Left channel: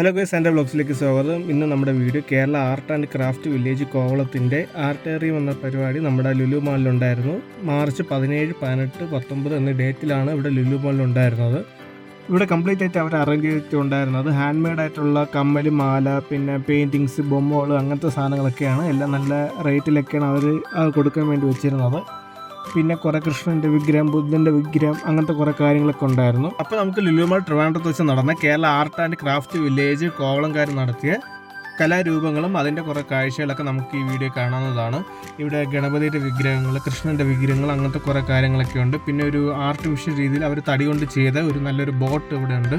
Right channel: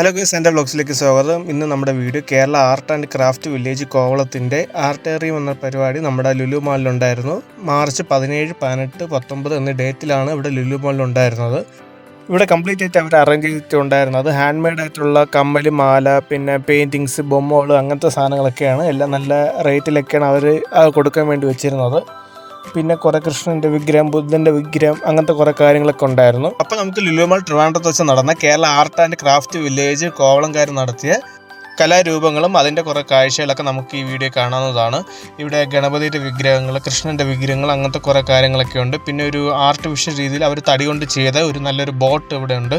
Hello guys, എൻ്റെ വ്ലോഗ്സിലേക്ക് സ്വാഗതം. ഇന്ന് നമ്മുടെ video Kerala art and craft village കോവളത്തിൻ്റെ ആർട്ടേറിയം എന്ന പരിപാടി നമ്മുടെ ലുലു മാളിലുണ്ടായിരുന്നു. മാർച്ച് 17, 18, 19 എന്നീ ഡേറ്റിലാണ് ഇവിടെ ലുലു മാളിലുണ്ടായിരുന്നത്. ഇവിടെ കംപ്ലീറ്റ് ആയിട്ട് അവർ അറേഞ്ച് ചെയ്തിട്ടുണ്ടായിരുന്നത് ഹാൻഡ് മെയ്ഡ് ആയിട്ടുള്ള കമ്മല്, മാല, പിന്നെ പെയിൻറ്റിങ്സ്, ബൊമ്മകൾ, അങ്ങനത്തെ സാധനങ്ങളൊക്കെയാണ്. എല്ലാം നല്ല റേറ്റിലൊക്കെയാണ് അവർ കൊടുക്കാൻ വേണ്ടി വെച്ചിരുന്നത്. പിന്നെ കുറേ കൃഷ്ണൻ്റെ വിഗ്രഹം, ബുദ്ധൻ്റെ വിഗ്രഹം, അങ്ങനത്തെ കുറേ കാര്യങ്ങളൊക്കെ ഉണ്ടായിരുന്നു. അപ്പോൾ നമുക്ക് ലുലുമാൾ ട്രിവാൻഡ്രത്ത് വെച്ച് നടന്ന Kerala art and craft village കോവളംകാർ നടത്തിയ കലാരൂപങ്ങളും അതിൻ്റെ കുറേ കാഴ്ചകളൊക്കെ നമുക്ക് ഈ വീഡിയോ കാണാവുന്നതാണ്. ഇവിടെ ഗണപതിയുടെ വിഗ്രഹങ്ങൾ, കൃഷ്ണൻ്റെ വിഗ്രഹങ്ങൾ, അങ്ങനത്തെ കുറേ കാര്യങ്ങളൊക്കെ ഉണ്ട്. പിന്നെ ഒരു ആർട്ടിഫിഷ്യൽ രീതിയിൽ അവർ തടി കൊണ്ട് ചെയ്ത ഒരു നല്ലൊരു ബോട്ട് ഇവിടെ ഉണ്ട്.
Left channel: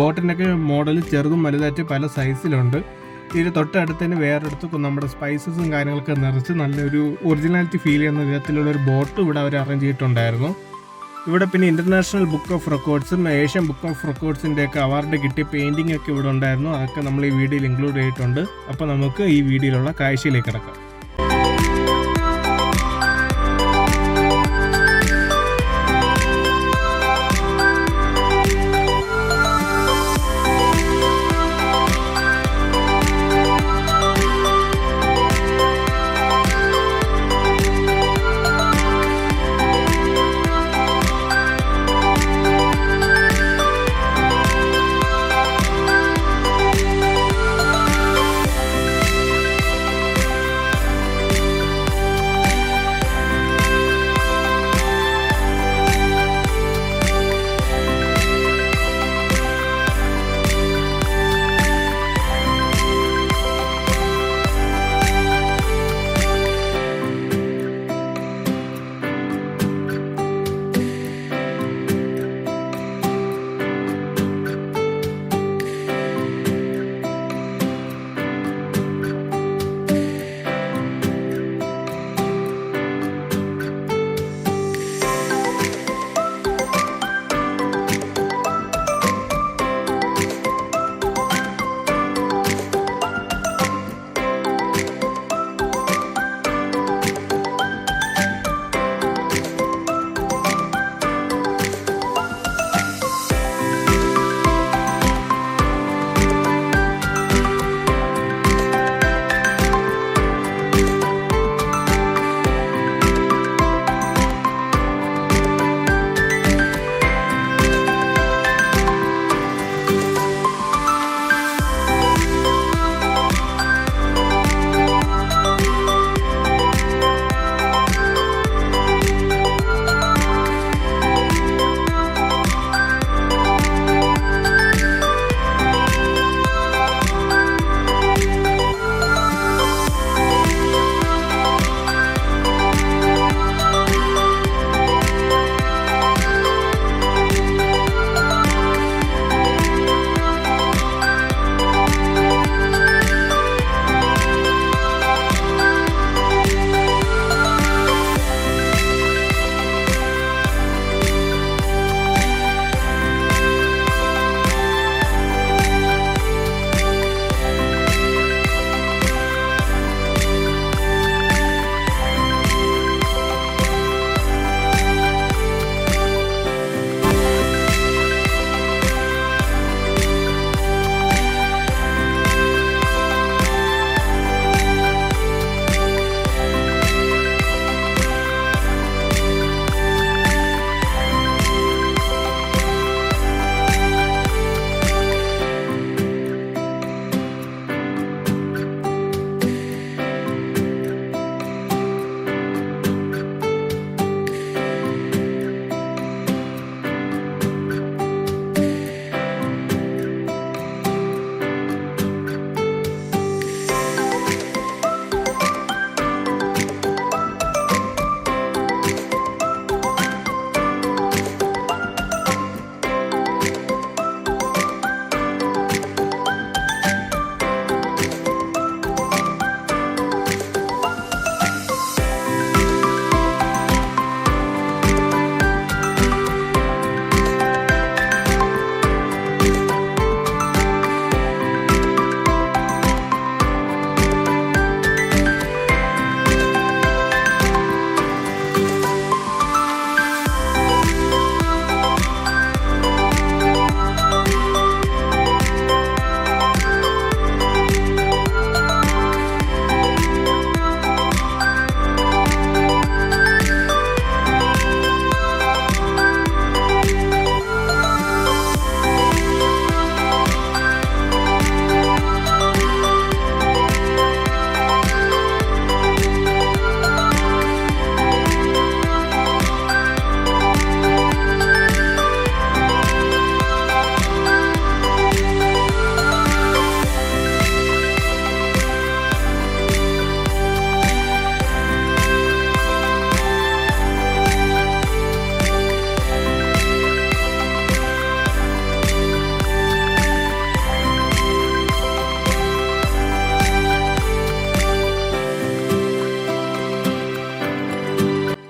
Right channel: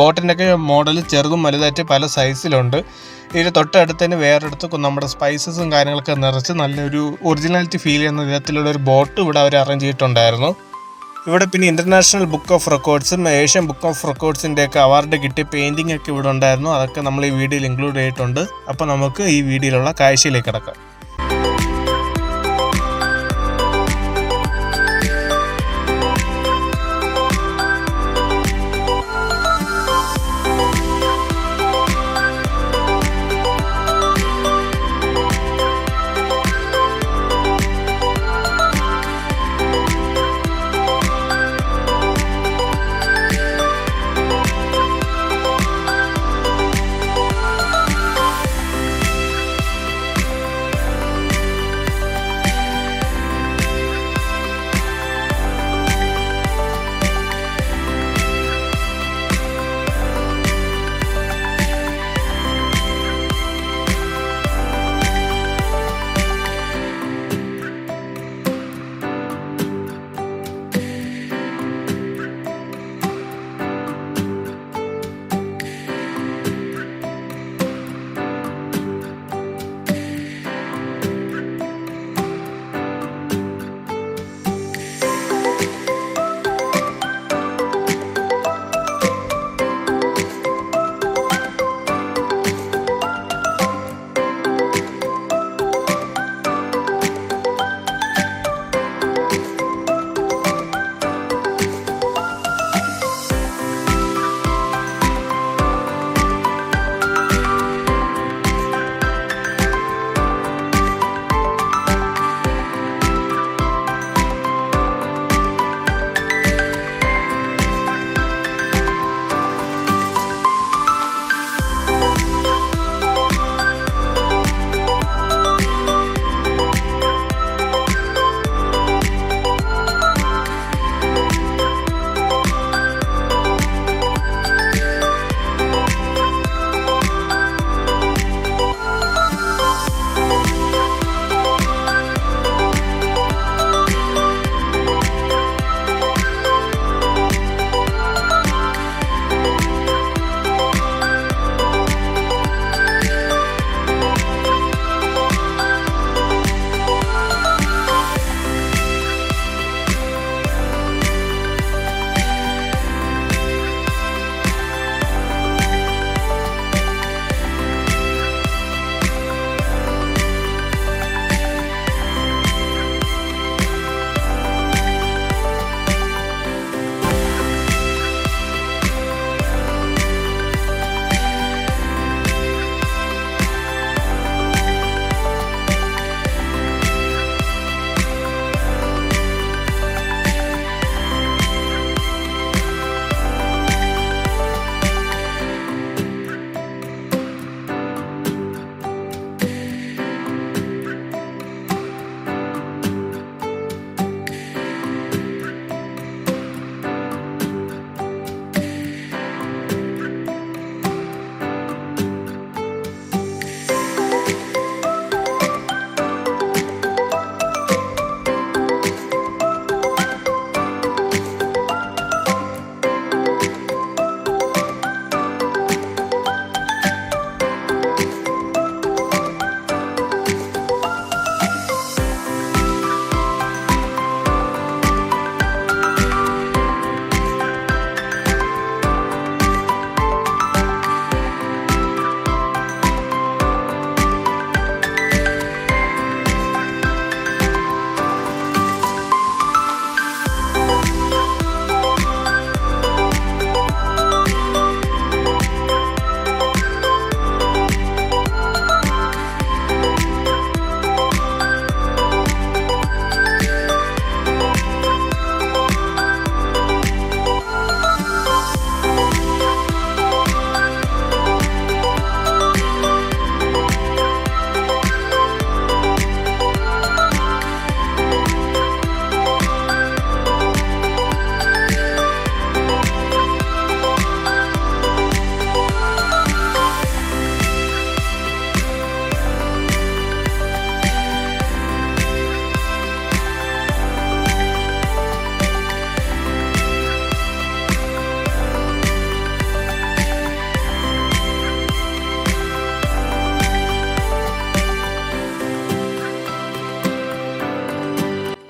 ബോട്ടിൻ്റെയൊക്കെ മോഡൽ ചെറുതും വലുതായിട്ട് പല സൈസിലുണ്ട്. ഇതിന് തൊട്ടടുത്ത് തന്നെ വേറെടുത്ത് നമ്മുടെ സ്പൈസസും കാര്യങ്ങളൊക്കെ നിറച്ച് നല്ലൊരു ഒറിജിനാലിറ്റി ഫീൽ ചെയ്യുന്ന വിധത്തിലുള്ളൊരു ബോട്ട് ഇവിടെ അവർ അറേഞ്ച് ചെയ്തിട്ടുണ്ടായിരുന്നു. ഇവിടെ പിന്നെ ഇൻ്റർനാഷണൽ ബുക്ക് ഓഫ് റെക്കോർഡ്സും ഏഷ്യൻ ബുക്ക് ഓഫ് റെക്കോർഡ്സിൻ്റെയൊക്കെ അവാർഡ് കിട്ടിയ പെയിൻറ്റിംഗ് ഒക്കെ ഇവിടെ ഉണ്ടായിരുന്നു. അതൊക്കെ നമ്മൾ ഈ വീഡിയോയിൽ ഇൻക്ലൂഡ് ചെയ്തിട്ടുണ്ട്. അപ്പോൾ നമുക്ക് ഈ വീഡിയോയിലുള്ള കാഴ്ചയിലേക്ക് കിടക്കാം.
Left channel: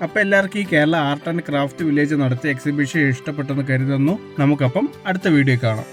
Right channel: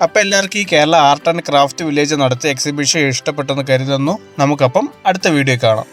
അപ്പോൾ എല്ലാവർക്കും ഈ Kerala art and craft village നടത്തിയ എക്സിബിഷൻ ഇഷ്ടപ്പെട്ടെന്ന് കരുതുന്നു. നമുക്കപ്പം അടുത്ത വീഡിയോ കാണാം.